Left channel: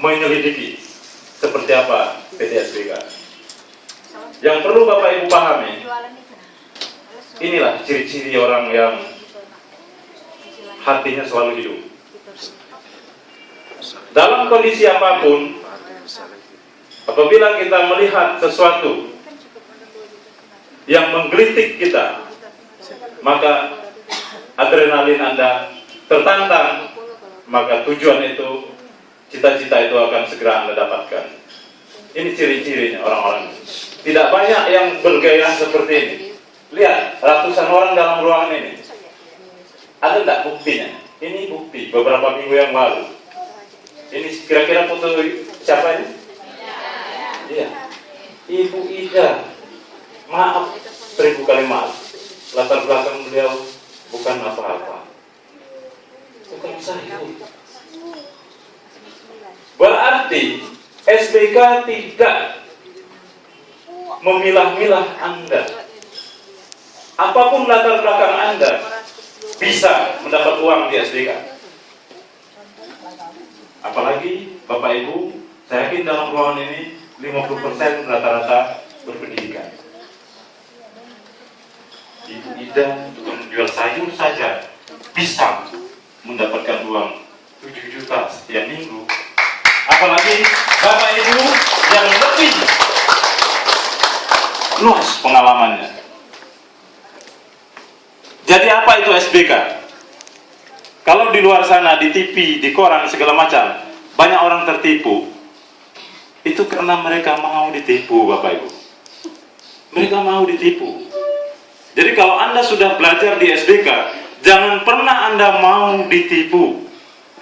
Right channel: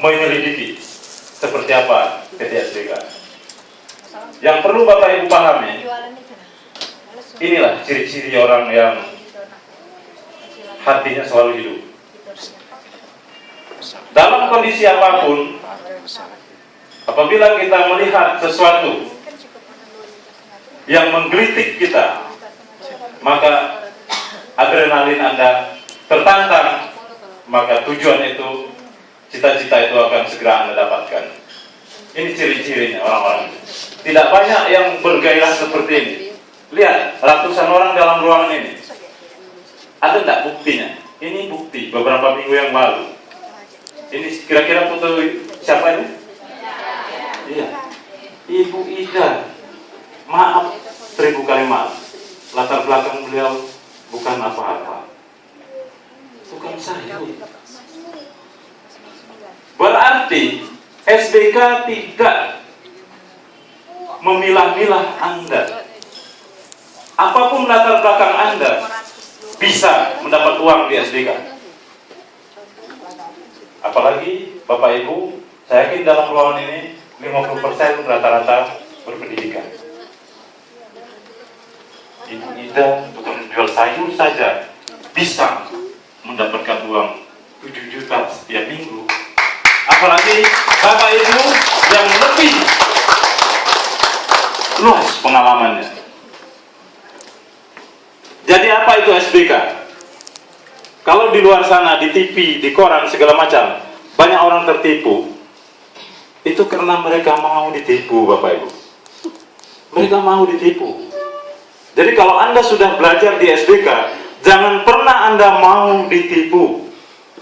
menyelidiki seperti apa PT SBK. Yang perlu Bapak Ibu pahami, inilah ciri-ciri orang yang hatinya selalu hidup. Dalam kondisi apapun, apabila kita melihat sesuatu yang menggelitik kita, maka adrenalin Anda tertantang, maka tujuan itu, cita-cita itu akan segera Anda dapatkan. Ini ciri-cirinya orang-orang. Tidak banyak yang bergairah seperti ini. Lihat, ratusan orang dalam ruangan ini. Ada tidak buktinya? Ini bukti beberapa minggu yang lalu. Ini kira-kira foto siapa ini? Iya, Ibu Ida. Maaf, 1000 kali maaf. Latar belakang beliau bukan apa-apa. Bukan saya. Berarti SBK tidak memilah-milah Anda. Apapun latar belakang Anda bisa mendapat uang di SBK. Apalagi Bapak Ibu, saya yakin dalam ruangan ini 50% rata-rata berpendidikan. Ibu Ida bukan menjual sayur saja bisa mendapatkan uang 7 juta setiap minggu. Apalagi Bapak Ibu yang lebih luas pengalamannya. Jadi apa itu SBK? Kalau di luar sana, di TV, di koran, segala macam, banyak orang tertipu. Itu karena mereka mau ditipu, Bapak Ibu. Mereka mau ditipu. Jadi kalau Anda sudah belajar di SBK, jangan pernah Anda mau ditipu.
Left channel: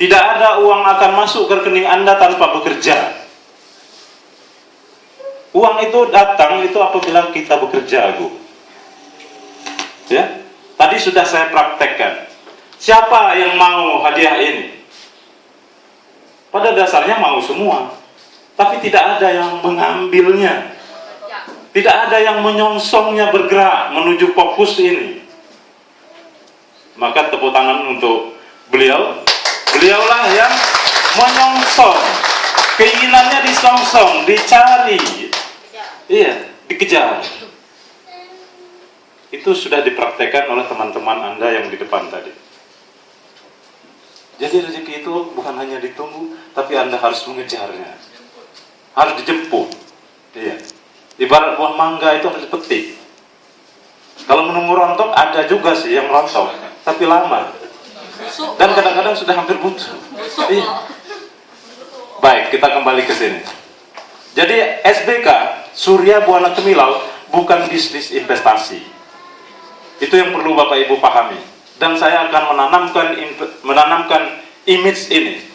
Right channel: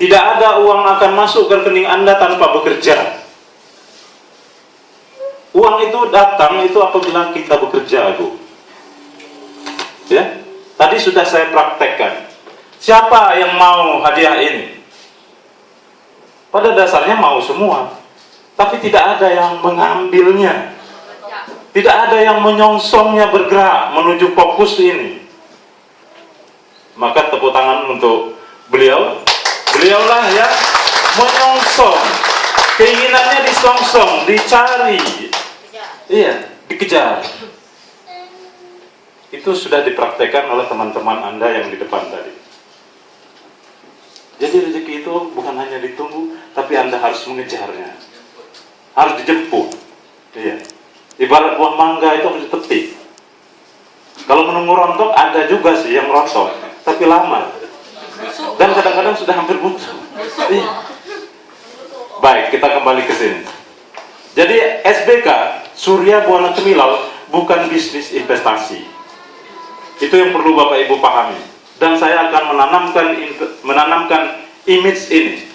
Tidak ada uang akan masuk ke rekening Anda tanpa bekerja. Uang itu datang itu apabila kita bekerja, Ibu. Ya, tadi sudah saya praktekkan. Siapa yang mau hadiah ini? Pada dasarnya mau semua, tapi tidak ada yang mengambilnya. Tidak ada yang menyongsongnya bergerak menuju fokus ini. Maka tepuk tangan untuk beliau. Beliaulah yang menyongsong. Keinginannya disongsong, dicari. Iya, dikejar. Itu sudah dipraktekkan oleh teman-teman Anda yang di depan tadi. Jadi rezeki itu bukan hanya ditunggu, tapi Anda harus mengejarnya. Harus dijemput. Iya. Ibarat buah mangga itu harus dipetik. Kalau menunggu rontok, ada juga sih yang rontok, tapi lama. Dan kadang-kadang sudah hampir busuk. Iya. Baik, kita kembali ke sini. Jadi SBK, Surya Buana Temilau, bukan bisnis investasi. Itu yang perlu Bapak Ibu pahami. Dan saya akan menanamkan image ini,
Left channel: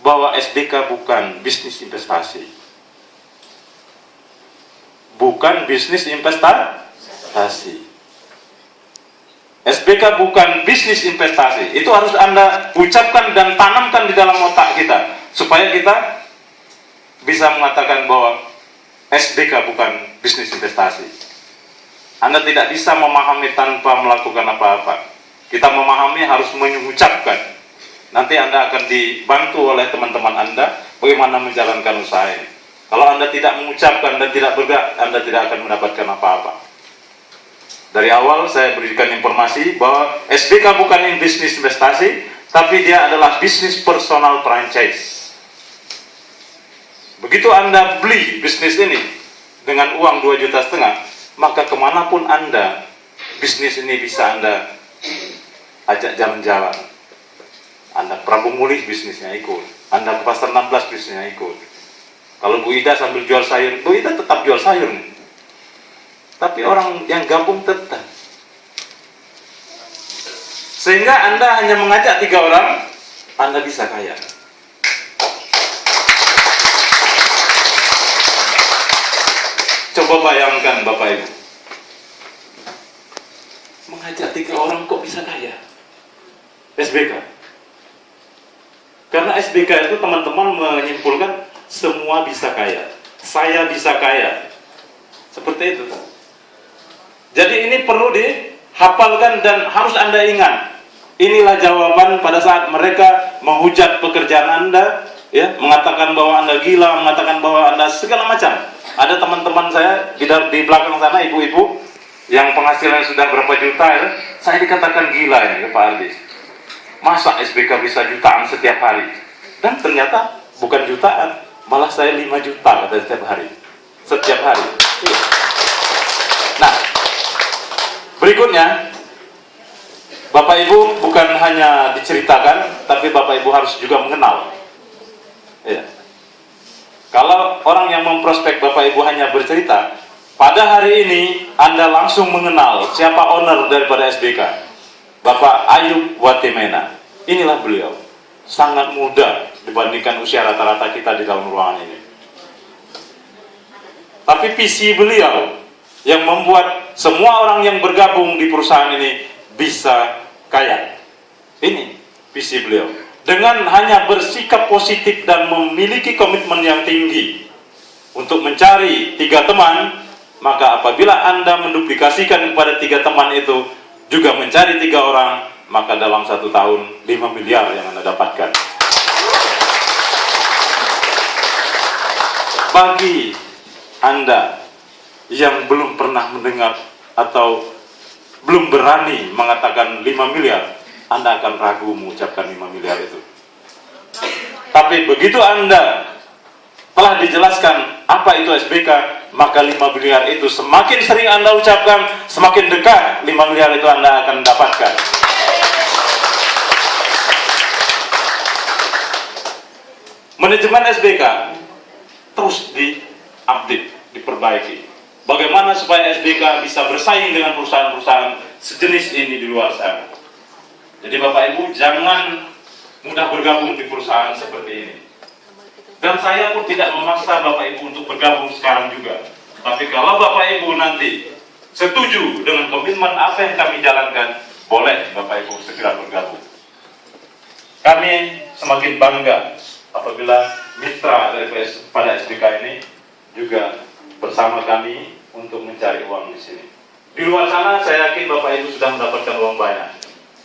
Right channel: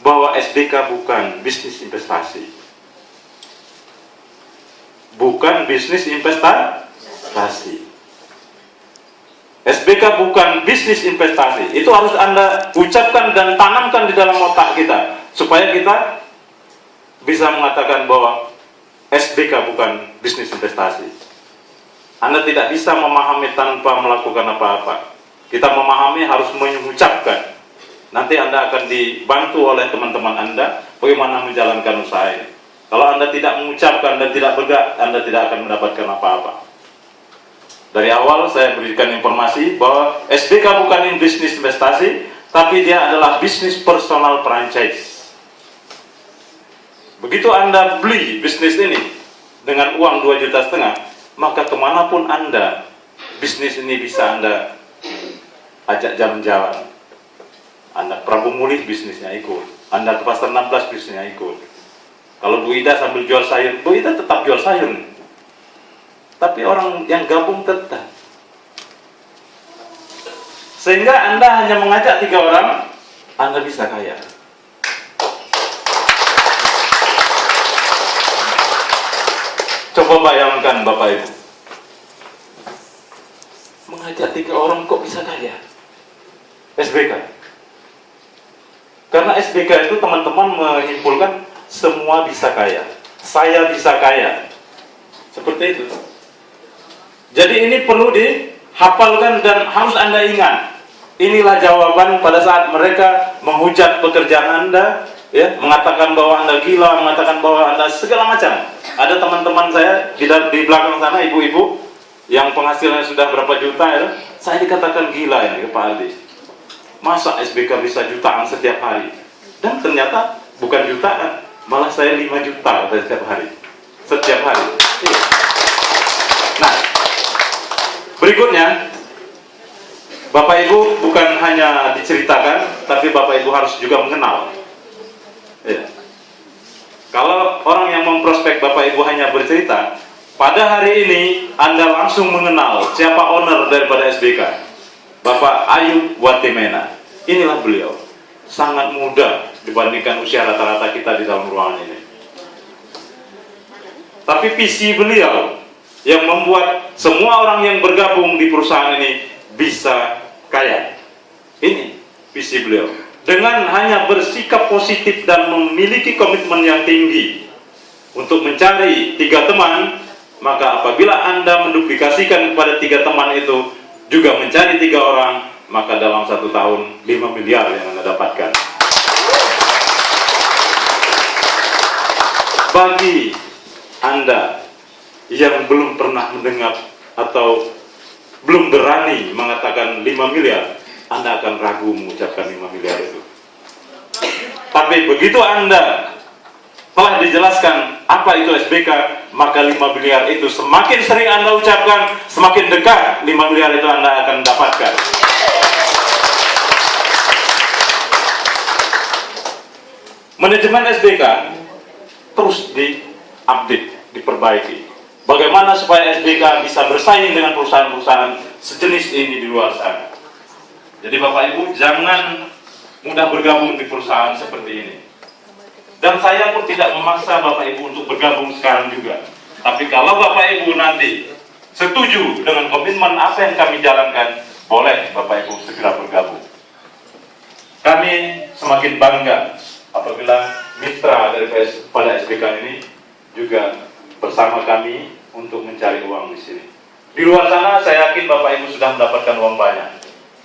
bahwa SBK bukan bisnis investasi. Bukan bisnis investasi. SBK bukan bisnis investasi. Itu harus Anda ucapkan dan tanamkan di dalam otak kita, supaya kita bisa mengatakan bahwa SBK bukan bisnis investasi. Anda tidak bisa memahami tanpa melakukan apa-apa. Kita memahami harus mengucapkan. Nanti Anda akan dibantu oleh teman-teman Anda bagaimana menjalankan usaha ini. Kalau Anda tidak mengucapkan dan tidak bergerak, Anda tidak akan mendapatkan apa-apa. Dari awal saya berikan informasi bahwa SBK bukan bisnis investasi, tapi dia adalah bisnis personal franchise. Begitu Anda beli bisnis ini dengan uang 2,5 juta, maka kemanapun Anda, bisnis ini bisa Anda ajak jalan-jalan. Anda Prabu Mulih bisnisnya ikut, Anda ke Pasar 16 bisnisnya ikut. Kalau Bu Ida sambil jual sayur, Bu Ida tetap jual sayur. Tapi orang yang gabung tetap. Sehingga Anda hanya mengajak 3 orang, Anda bisa kaya. Coba bayangkan Bapak Ibu, mengajak 3 orang kok bisa kaya? SBK. Karena SBK itu teman-teman menyimpulkan semua bisa kaya. Saya bisa kaya. Seperti itu. Jadi ini perlu dihafalkan dan harus Anda ingat. Inilah jawaban pada saat mereka menghujat pekerjaan Anda. ya, mengatakan bahwa Anda gila, mengatakan bahwa Anda segala macam. Ada teman-teman saya di belakang sana, ibu-ibu yang penghasilannya sudah berapa juta, ya, saya dikatakan gila ini ke Pak Ardi. Masa SBK bisa jutaan setiap hari? Dan ternyata bukan jutaan, malah saya 5 juta setiap hari. Setiap hari. Nah, berikutnya, Bapak Ibu bukan hanya diceritakan, tapi Bapak Ibu harus juga mengenal. Ya. Kalau orang yang memprospek Bapak Ibu hanya bercerita, pada hari ini Anda langsung mengenal siapa owner daripada SBK. Bapak Ayub Watimena. Inilah beliau. Sangat muda dibandingkan usia rata-rata kita di dalam ruangan ini. Tapi visi beliau yang membuat semua orang yang bergabung di perusahaan ini bisa kaya. Ini visi beliau. Dengan hanya bersikap positif dan memiliki komitmen yang tinggi untuk mencari 3 teman, maka apabila Anda menduplikasikan kepada 3 teman itu juga mencari 3 orang, maka dalam 1 tahun 5 miliar yang Anda dapatkan. Bagi Anda yang belum pernah mendengar atau belum berani mengatakan 5 miliar, Anda akan ragu mengucapkan 5 miliar itu. Tapi begitu Anda telah dijelaskan apa itu SBK, maka 5 miliar itu semakin sering Anda ucapkan, semakin dekat 5 miliar itu Anda akan dapatkan. Manajemen SBK terus diupdate, diperbaiki. Bagaimana supaya SBK bisa bersaing dengan perusahaan-perusahaan sejenis ini di luar sana. Jadi Bapak Ibu jangan mudah bergabung di perusahaan seperti ini. Dan saya pun tidak memaksa Bapak Ibu untuk bergabung sekarang juga. Tapi kalau Bapak Ibu nanti setuju dengan komitmen apa yang kami jalankan, boleh Bapak Ibu segera bergabung. Kami semakin bangga apabila mitra daripada SBK ini juga bersama kami untuk mencari uang di sini. Di luar sana saya yakin Bapak Ibu sudah mendapatkan uang banyak,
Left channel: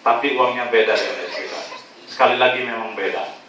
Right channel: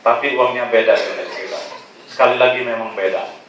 tapi uangnya beda dengan SBK. Sekali lagi memang beda.